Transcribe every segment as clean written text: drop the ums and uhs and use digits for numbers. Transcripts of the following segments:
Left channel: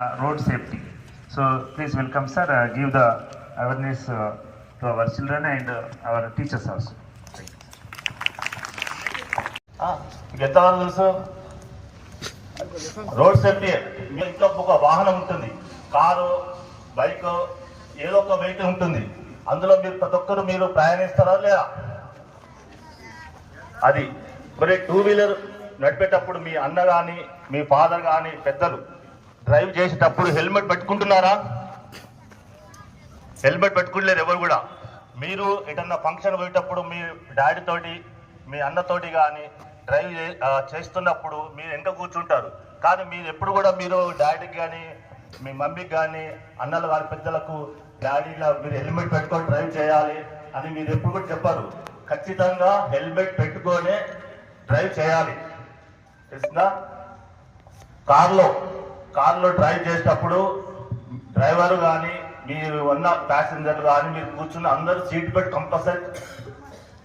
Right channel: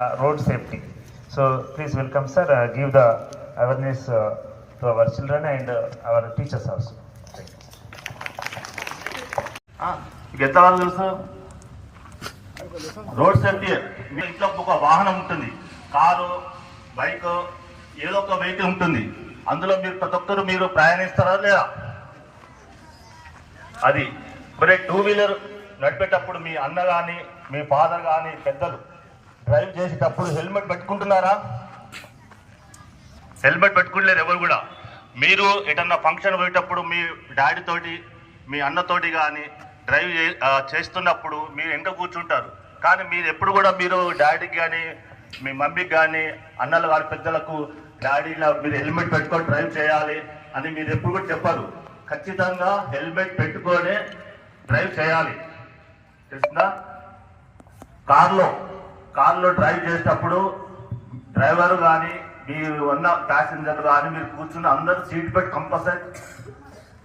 road safety. So please welcome sir, give the awareness to our children and our teachers also. ఎంత తెలుసు road safety. మీ ఇంట్లో ఒక వాహనం ఉంటుంది, కారు, బైక్, ఏదో ఒక వెహికల్ ఉంటుంది. అందులో మీరు ప్రతి ఒక్కరు మీరు ప్రయాణిస్తారా లేదా? అది మరి టూ వీలర్ నడిపేటప్పుడు మీ అన్న కానీ మీ ఫాదర్ కానీ పెద్దలు డ్రైవ్ చేసేటప్పుడు హెల్మెట్ పెట్టుకుంటున్నారా? హెల్మెట్ పెట్టుకోలేరు ఎవరు కూడా. మీరు ఎటన్నా ఫంక్షన్ పోయేటప్పుడు మీ డాడీ తోటి మీ అన్నతోటి కానీ డ్రైవ్ చేస్తున్నప్పుడు మీరు వెనక కూర్చుంటారు. కానీ మీరు ఎప్పుడు కూడా మీరు డాడీకి కానీ మీ మమ్మీకి కానీ అన్నలు కానీ పెద్దలకు డాడీలా మీరు హెల్మెట్ పెట్టుకొని డ్రైవ్ చేయాలి అని మీరు ఎప్పుడు కూడా చెప్పారు. ఖచ్చితంగా హెల్మెట్ పెట్టుకొని డ్రైవ్ చేయాలి. తెలిసిందా? కారులో డ్రైవ్ చేసేటప్పుడు డ్రైవర్ కానీ మీరు ఉన్న ప్యాసింజర్ కానీ మీరు కూర్చున్న అందరూ సీట్ బెల్ట్ కంపల్సరీ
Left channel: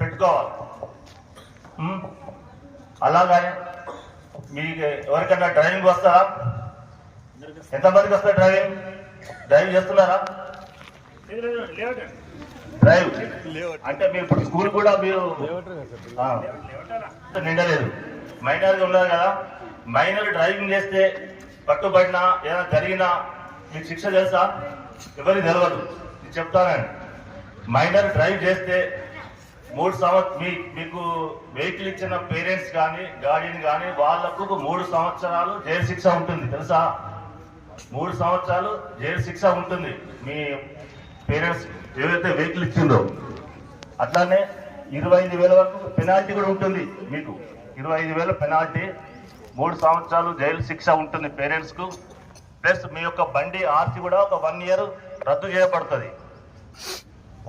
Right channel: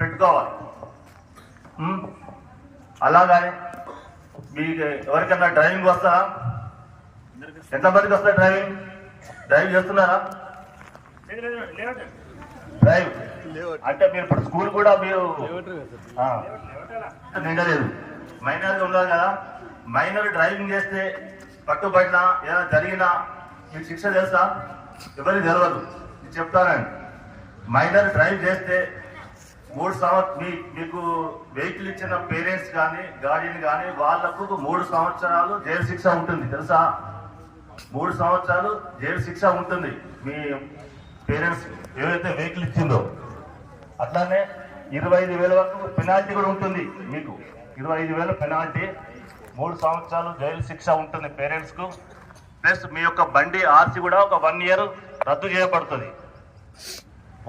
పెట్టుకోవాలి. అలాగే మీకు ఎవరికైనా డ్రైవింగ్ వస్తారా? ఎంతమందికి వస్తాయి డ్రైవింగ్ చేస్తున్నారా? డ్రైవ్ అంటే మీరు స్కూల్ కూడా మీరు నిండలేదు, మైనర్ ఉన్నారు కదా. మైనర్ డ్రైవింగ్ చేస్తే పట్టుబడినా ఏదైనా జరిగినా మీకు శిక్ష తెలుసా? ఎవరికి తెలియదు, నేను చెప్తానండి. మైనర్ డ్రైవ్ చేస్తే 3 సంవత్సరాలు మీకు వెహికల్ ఇచ్చిన పేరెంట్స్ కానీ గార్డియన్ కానీ వాళ్లకు 3 సంవత్సరాలు జైలు శిక్ష ఉంటుంది. తెలుసా? 3 సంవత్సరాలు జైలు శిక్ష ఉంటుంది మీ పేరెంట్స్ ఏవైతే వెహికల్ ఇచ్చిందో. అట్లానే 25,000 వరకు పెనాల్టీ కూడా ఉంటుంది. మీకు 25,000 పెనాల్టీ, 3 సంవత్సరాలు జైలు శిక్ష ఉంటుంది పేరెంట్స్ కు. ప్లస్ మీ యొక్క బండి ఆర్సీ కూడా ఒక 1 ఇయర్ రద్దు చేయబడుతుంది.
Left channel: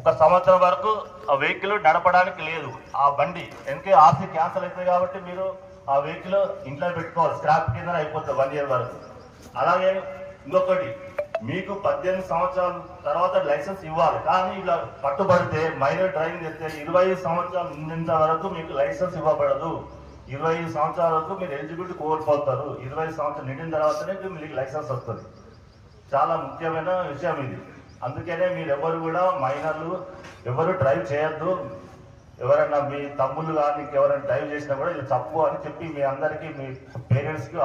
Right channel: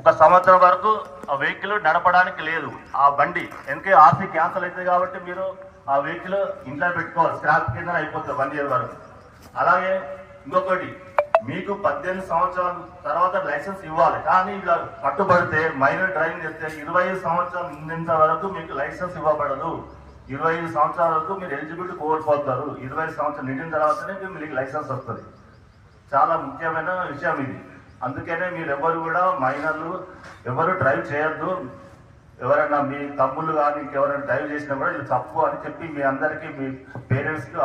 1 సంవత్సరం వరకు ఆ వెహికల్ నడపడానికి లేదు. ఆ బండి ఎందుకే ఆర్సీ క్యాన్సల్ అవుతుంది కాబట్టి మీరు ఆ వెహికల్ ఇంట్లో పెట్టుకోవాలి, స్క్రాప్ కింద అయిపోతుంది 1 ఇయర్ వరకు. అలాగే ఇంకొకటి, మీకు 18 సంవత్సరాల తర్వాత లైసెన్స్ ఇవ్వాలి. కానీ ఇలా పట్టుబడితే మైనర్ డ్రైవింగ్ చేస్తే 25 సంవత్సరాలు నిండిన వరకు మీకు లైసెన్స్ ఇవ్వబడదు. 25 సంవత్సరాల వరకు మీరు ఎలిజిబిలిటీ కోల్పోతారు. 25 సంవత్సరాలు నిండిన తర్వాతనే మీకు లైసెన్స్ వస్తుంది. చాలా ముఖ్యమైన విషయం ఇది. అందుకనే మీరు ఎవరు కూడా మైనర్లు ఎవరు డ్రైవ్ చేయొద్దు. ఎవరైనా మీ తమ్ముళ్ళు కానీ ఇంకెవరైనా డ్రైవ్ చేసినా కూడా ఇది తప్పు అని చెప్పి మీ అందరికీ మీ పేరెంట్స్కి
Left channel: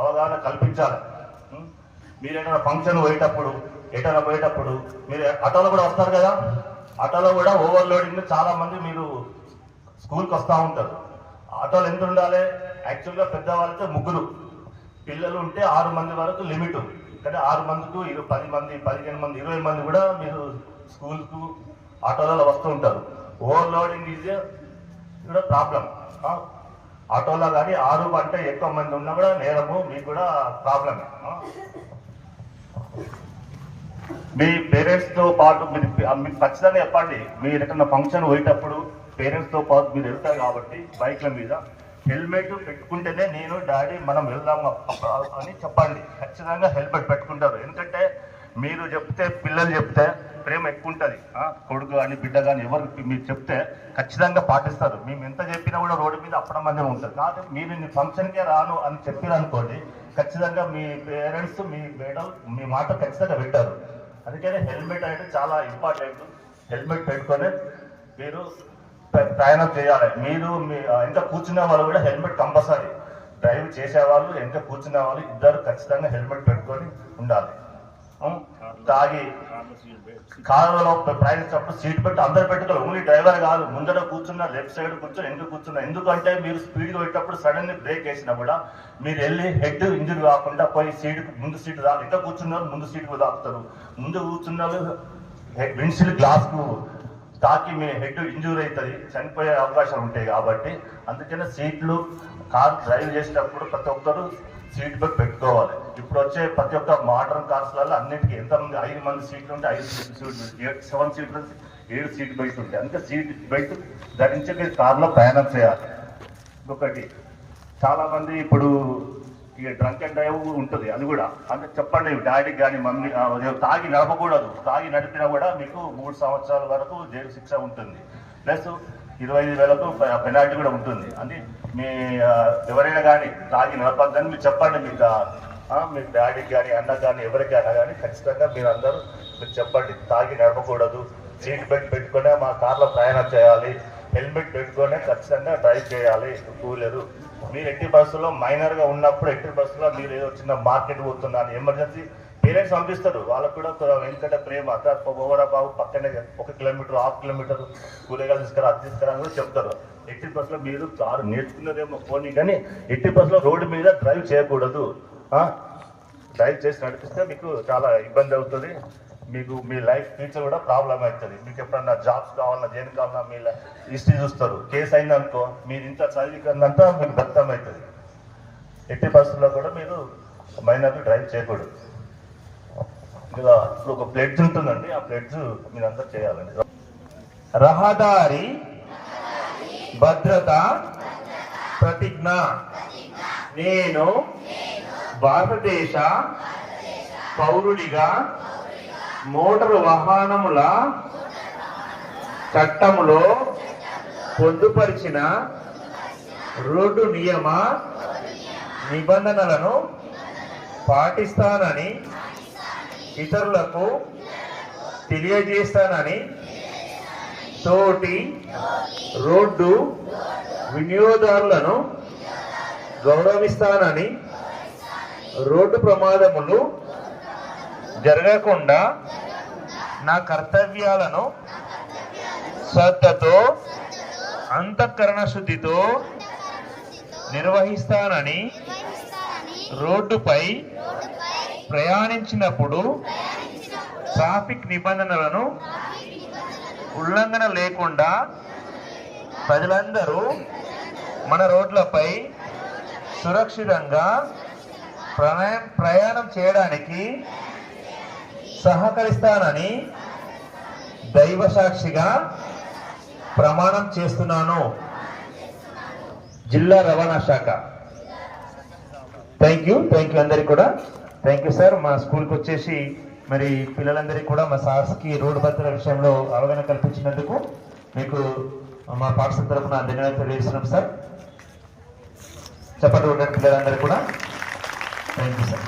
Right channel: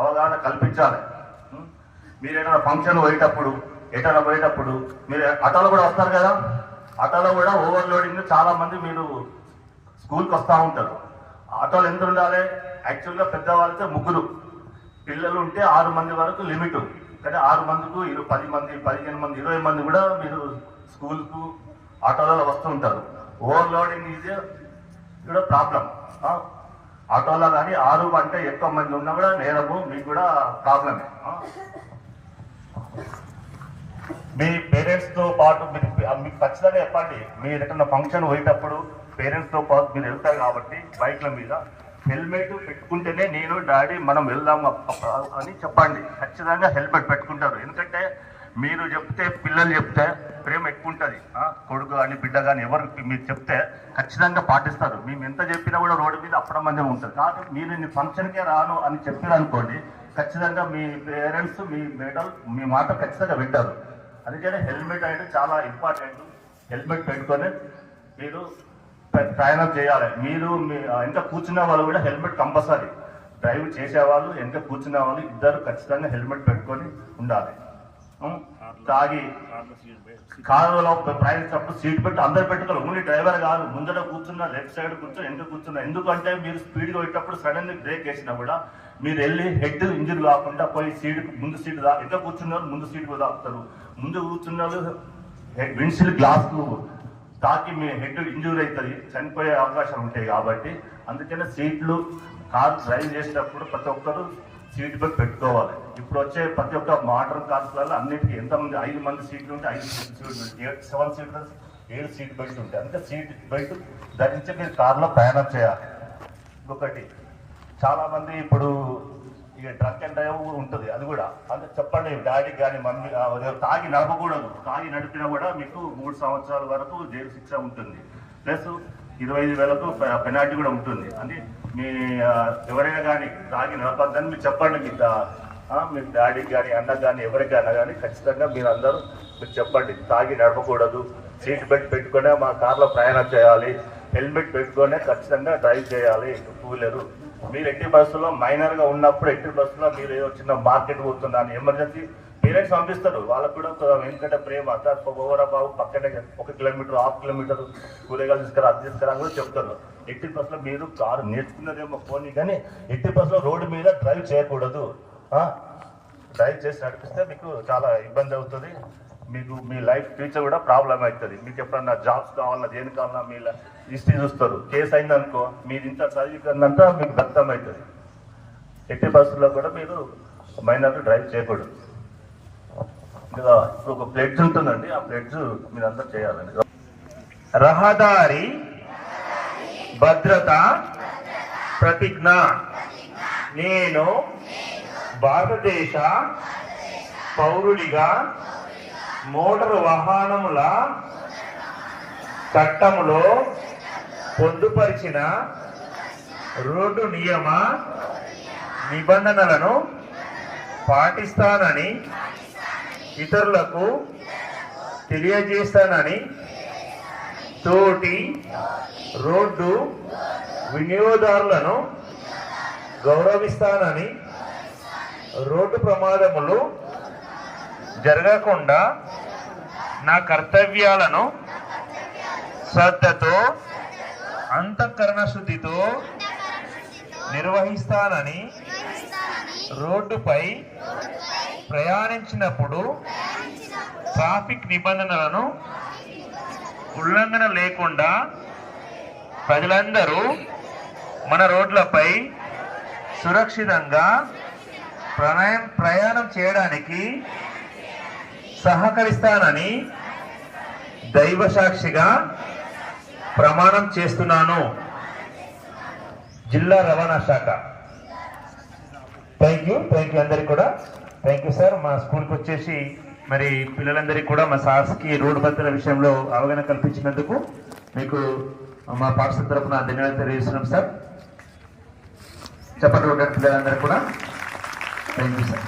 అవగాహన కల్పించాలి. మీరు ఏదైనా ఫంక్షన్ పోయేటప్పుడు మీరు ఆటోలో కూడా వస్తారు కదా. ఆటోలో కూడా ఓవర్లోడింగ్ చాలా మంది మీరు స్కూల్కి వస్తూ ఉంటారు. ఆటోలు ఎంత ఉండాలి? యాక్చువల్గా పెద్దవాళ్ళతో 3, పిల్లలు ఉంటే 6 మంది వరకు లిమిట్. కానీ 6 మందికు 10 మంది, 15 మంది, 20 మంది కూడా మీరు స్కూల్కు ఆటోలలో వస్తూ ఉంటారు. ఓవర్లోడింగ్ ఈజ్ కూడా ప్రాబ్లం. ఆటోలో కానీ 6 కంటే ఎక్కువ మంది ఉన్నా కూడా నేరము, మీకు కూడా ప్రాబ్లమే. మీ పేరెంట్స్ తో పాటు మీరు ఖచ్చితంగా చెప్పండి. మీరు ఎక్కడన్నా ఫంక్షన్ పోయేటప్పుడు పేరెంట్స్ తో పాటు మీరు వెళ్తారు కాబట్టి బైక్ల మీద హెల్మెట్ పెట్టుకుంటేనే నేను డాడీ మనం వెళ్దాం అని చెప్పండి. ఖచ్చితంగా హెల్మెట్ పెట్టుకుంటారు. ఎందుకంటే మీరు చెప్తే, పిల్లలు చెప్తే ప్రేమ ఎక్కువ ఉంటుంది. కొడుకు కానీ బిడ్డ కానీ ఎవరికి మీరు చెప్తే ఖచ్చితంగా పాటిస్తారు. మేము ఎంత చెప్పినా కూడా రోడ్డు మీద అప్పడమందే ఉంటుంది. కాబట్టి మీరు నీ ఫంక్షన్కే రాను అని చెప్పారనుకోండి, ఖచ్చితంగా మీ పేరెంట్స్ మీ మేడం మీ మాట ఖచ్చితంగా వింటారు. అందుకనే హెల్మెట్ అనేది చాలా ఇంపార్టెంట్. హెల్మెట్ పెట్టుకొని మీరు ప్రయాణం చేయాలి. మీరు మీ ఎంత కూర్చునే వాళ్ళు కూడా హెల్మెట్ కంపల్సరీ. డ్రైవ్ చేసేవాళ్ళు ఎంత కూర్చునే వాళ్ళు ఇద్దరు ఖచ్చితంగా హెల్మెట్ పెట్టుకొని ఉండాలి. తాగి కారులో ప్రయాణించినప్పుడు సీట్ బెల్ట్ అందరు పెట్టుకోవాలి. ఓన్లీ డ్రైవర్ కాదు, ముందర కూర్చున్న లెఫ్ట్ సైడ్ కూర్చొని ఎందుకు కూర్చున్నా. ఎందుకంటే మీరు స్పీడ్ పోయేటప్పుడు సడన్ గా బ్రేక్ వేసినా కూడా మీరు వెళ్ళి హెడ్ ఇంజరీ కాకుండా పోయి ముందు సీట్ ఎక్కడ కూర్చున్నారు ముందు సీట్ తాకుతారు. ముందు కూర్చున్నారు విండ్షీల్డ్ గ్లాస్ కు తాకి మీ హెడ్ ఇంజూరీ అవుతుంది, చనిపోయే అవకాశం ఉంటాయి. కాబట్టి అందుకనే సీట్లు కారు డ్రైవ్ చేసేటప్పుడు ప్రతి ఒక్కరు సీట్ బెల్ట్ పెట్టుకోవాలి. ఇప్పుడు వచ్చే ప్రతి ఒక్క మోడర్న్ కార్స్లలో అన్నిటికీ ఎంతమంది 5 మంది సీట్లు ఉంటే 5 సీట్లు, 7 సీట్లు, 7 సీట్ బెల్ట్ ఉంటాయి. అందుకే సీట్ బెల్ట్ ధరించి మీరు కారులో ప్రయాణం చేయాలి. ఇంకొకటి, చాలా మంది ఇప్పుడు ఇక డ్రంక్ అండ్ డ్రైవ్ ఉంటుంది. అది కూడా అంటే చెప్పండి డాడీకి కానీ మమ్మీ, తాగి నడపకూడదు. తాగి నడిపినా కూడా మీకు 3 సంవత్సరాల వరకు జైలు శిక్ష ఉంటుంది. ప్లస్ 25,000 పెనాల్టీ కూడా ఉంటుంది. అని మీ ఎవరైనా కానీ తాగి నడపద్దని మీరు చెప్పండి. మీకు మీ డాడీకి కానీ అన్న కానీ ఎవరికైనా కానీ ఖచ్చితంగా మీరు అందరూ మీరు చెప్పండి, తాగి నడపకూడదు, సీట్ బెల్ట్ పెట్టుకునే మా కార్లో ప్రయాణం చేయాలి, హెల్మెట్ పెట్టుకునే ఖచ్చితంగా డ్రైవ్ చేయాలి టూ వీలర్. మీరు ఎట్టి బస్సులో మైనర్గా ఉన్నప్పుడు ఎట్టి బస్సులో మీరు ఏదో చిన్న మార్కెట్ పోతున్నాను ఎమర్జెన్సీ పేరెంట్స్ పంపిస్తారు, వాళ్ళకు కూడా ఎందుకంటే ప్రేమ ఓవరా బాబు పక్కనే 1 కిలోమీటర్ 1/2 కిలోమీటర్ కూరగాయలు తీసుకురా అది తీసుకురా అని కూడా చెప్తారు. ఎట్టి బస్సులో మీరు కారు నేర్చుకున్నదేమో పోనీ కానీ ఎట్టి బస్సులో రోడ్డు మీద డ్రైవ్ చేయకూడదు. డ్రైవ్ చేసి నడిపిస్తే మీకు చాలా ఇబ్బంది అవుతుంది, మీకు మీ లైఫ్ ఫ్యూచర్ కూడా ప్రాబ్లం అవుతుంది. మీకు ఎప్పుడన్నా జాబ్స్ కావాలన్నా దేనికి కావాలన్నా మీ హిస్టరీ చూస్తారు, కేసు అయిందనుకో మీరు ఇంత చదివిందంతా మీకు వ్యక్తం అవుతుంది. ఎట్టి బస్సులో కూడా మీరు మైనర్ డ్రైవ్ చేయకూడదు. ఇప్పుడు ఒక ప్లెడ్జ్ ఉంటుందండి, ఆ ప్లెడ్జ్ మీరందరూ చేయాలండి. రహదారి భద్రత ప్రతిజ్ఞ. నేను భారతదేశ పౌరుడిగా మోటారు వాహనముల చట్టములో పొందుపరిచిన రోడ్డు నియమ నిబంధనలను పాటిస్తానని ఇతరులకు తెలియజేస్తానని తోటి రోడ్డు వినియోగదారులను గౌరవిస్తానని రోడ్డు ప్రమాదములు జరగకుండా నా కర్తవ్యాలను శ్రద్ధతో అంతఃకరణ శుద్ధితో నిర్వహిస్తానని రోడ్డుపై ప్రయాణించినప్పుడు ట్రాఫిక్ నిబంధనలను ఉల్లంఘన లేకుండా ప్రజలందరూ మన రోడ్లపై సురక్షితంగా ప్రయాణం చేయడానికి సహకరిస్తానని దైవ సాక్షిగా ప్రమాణం చేస్తున్నాను. జిల్లా రవాణా శాఖ. థ్యాంక్ యూ అందరికి కూడా థ్యాంక్ యూ సార్. మా స్కూల్కి వచ్చేసి మరి పిల్లలందరికీ కూడా మా సార్స్కి రోడ్డు భద్రత విషయంలో అవగాహన కల్పించినందుకు మీకు మా పాఠశాల తరఫున ధన్యవాదాలు తెలియజేస్తున్నాం సార్. చెప్పండి పిల్లలందరికీ కూడా థ్యాంక్ యూ సార్.